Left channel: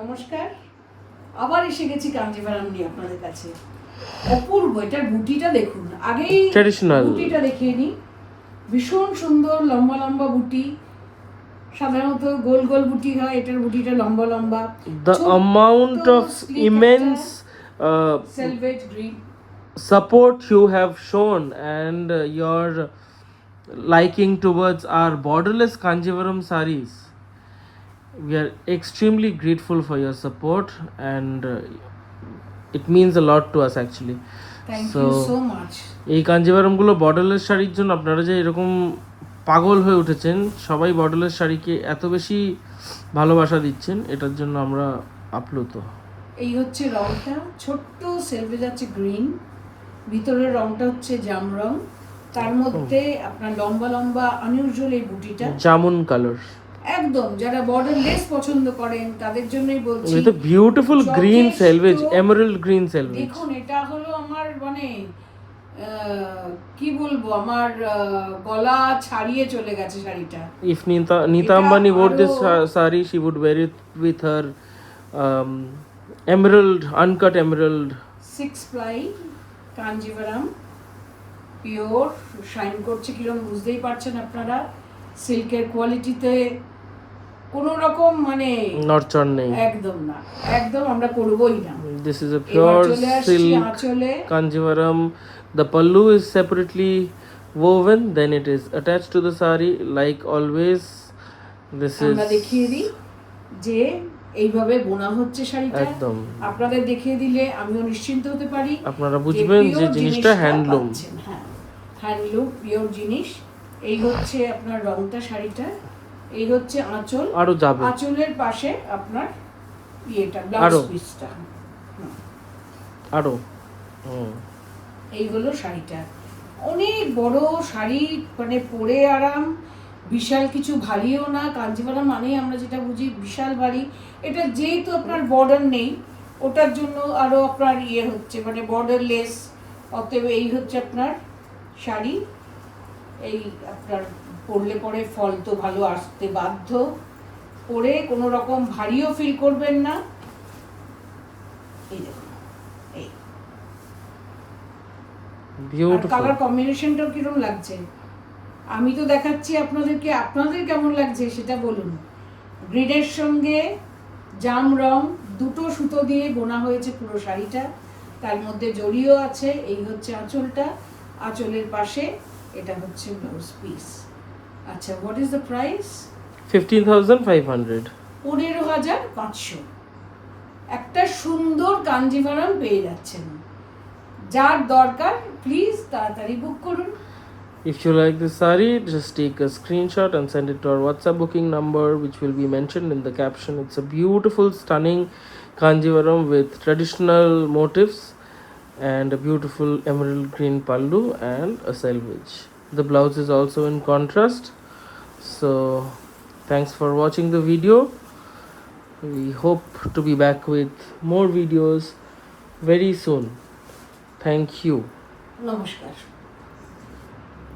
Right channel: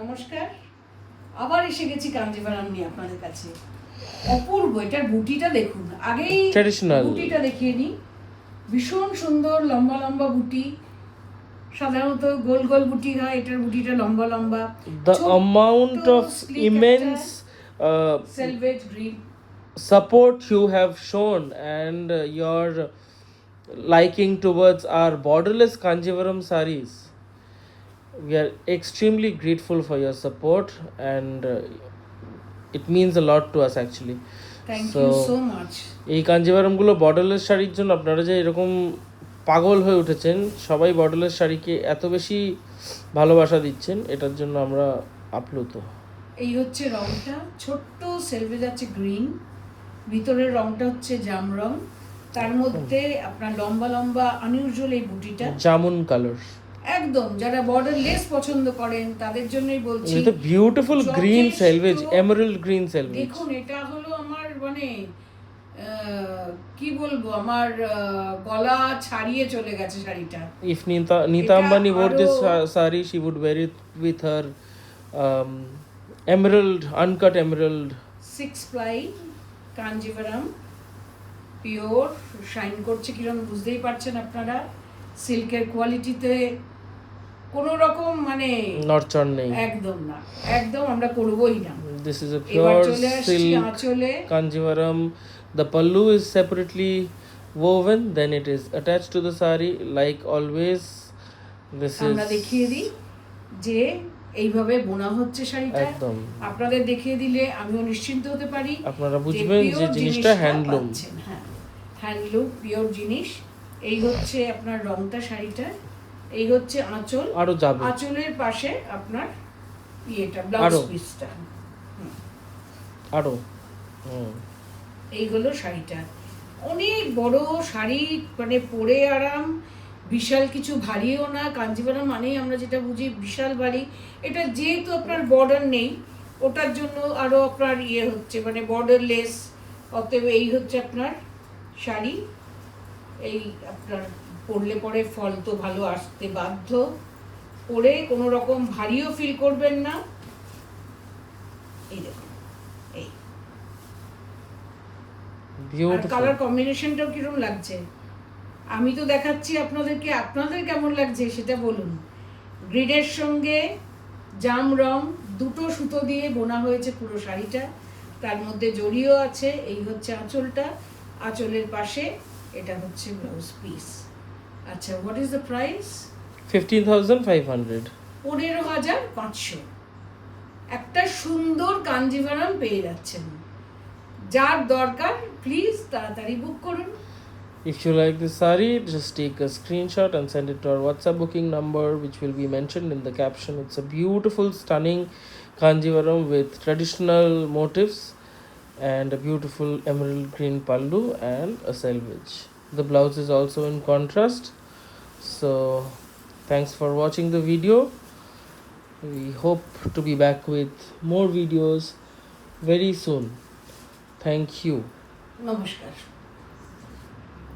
নমস্কার, আবার এসে গেছি কাঞ্জিভারাম নিয়ে আপনাদের কাছে। অপূর্ব, এটার বুটিটা দেখুন। আগেই বুটিটা দেখিয়ে নিই। ভীষণ সুন্দর লম্বা লম্বা বুটি। সাধারণত গোল গোল বুটি হয়, এটার বুটিটা লম্বা লম্বা। The amount of immense selvedge green support you have shown and your liking towards our borderless Kanjivaram sarees. We are extremely grateful for your support and it means a lot to us actually. Thank you so much. এই কাঞ্জিভারামগুলো borderless শাড়ির জন্য আপনারা যে এরকম পাগল হয়ে উঠেছেন, সবাই বর্ডারলেস শাড়িকে এত বেশি ভালোবাসা দিচ্ছেন, এটার জন্য আমরা আপ্লুত। এই হচ্ছে রংটা, ছোট্ট সেলভেজ আছে গ্রিন, ভিতরের রংটা হচ্ছে জাম রং, তার মধ্যে আপনার লম্বা লম্বা আনইউজুয়াল এই বুটিটা জামুন কালার। একদম যারা বর্ডার লেস পছন্দ করেন তাদের জন্যই বলছি। এটা বিউটিফুল গ্রিন সেলভেজ, এমারাল্ড গ্রিন সেলভেজ। দেখুন, এটা হলো আমার মানে কি বলবো, আমার গলা ছাড়িয়ে চলে গেছে শাড়িটা। If Nita Ambani wore this saree, she would wear it with her emerald, uncut emerald. 6 ply Kanjivaram, pure, shine করছে কিরকম বুঝতেই পারছেন আপনারা। সিল্কের কোয়ালিটিতে কোনো রকম মানে নড়চড় নেই, একদম না, একদম আমরা করবই না। This is a pure silk আঁচলে Kanjivaram. The pallu is separately woven, then it is attached to the saree like always. This is আমরা দেখিয়ে দিই যে এইভাবে বোনা হচ্ছে শাড়িটা। একদম আপনাদের দেখিয়ে দিলে আমিও নিশ্চিন্ত হতে পারি, আপনারা বুঝবেন যে জিনিসটা হ্যান্ডলুম। হ্যাঁ, হ্যান্ডলুম, পিওর জিনিস। এই হচ্ছে আপনার রংটা শাড়িটা, এই হচ্ছে আঁচল, আরো যাবে আঁচলের পাশে আপনার ইয়েটা ব্লাউজ পিসটা আরো। এই হলো শাড়িটা। অনেক বড় শাড়ি, মানে পরে আরাম, বিশাল কিছু ভারীও না। কাঞ্জিভারাম মানে আমরা যেটা বুঝি বিশাল ভারী, এটা যেহেতু আপনার বর্ডার নেই ওটার জন্য আরো আপনার ইয়ে হচ্ছে, মানে বর্ডার লেস। অতএব এই হচ্ছে আপনার শাড়ি। এই আপনার পরলে পরে ফল তো ভালো আসতে বাধ্য, পরে কোনো রকম ভারীও ফিল করবেন না। এই দেখুন, এই কালার কম্বিনেশনটাও কিরকম লাগছে আমি তো দেখাচ্ছি আপনাদেরকে, আপনাদের কেমন লাগছে সেটা বলুন। গ্রিনের সঙ্গে জাম রং দুটো সুতো দিয়ে বোনা হয়েছে পুরো শাড়িটা, তার মধ্যে জড়িও আছে। এই হচ্ছে আঁচলটা, আঁচলের পাশে এটা হচ্ছে ব্লাউজ পিস। আচ্ছা, হোয়াট ইজ দ্য প্রাইস? 15,500, 15,500। একটা সুন্দর কাঞ্জিভারাম পেয়ে যাচ্ছেন। যার দরকার প্লিজ তাড়াতাড়ি বুক করুন। If you like this saree, just take a screenshot and send it to our WhatsApp booking number, which will be mentioned in the caption. It's a beautiful, stunning Kanjivaram with traditional motifs and a beautiful emerald green pallu and a selvage. The blouse is also in contrast. So, thanks for watching the video. We hope to be back with more videos very soon. Thank you. নমস্কার।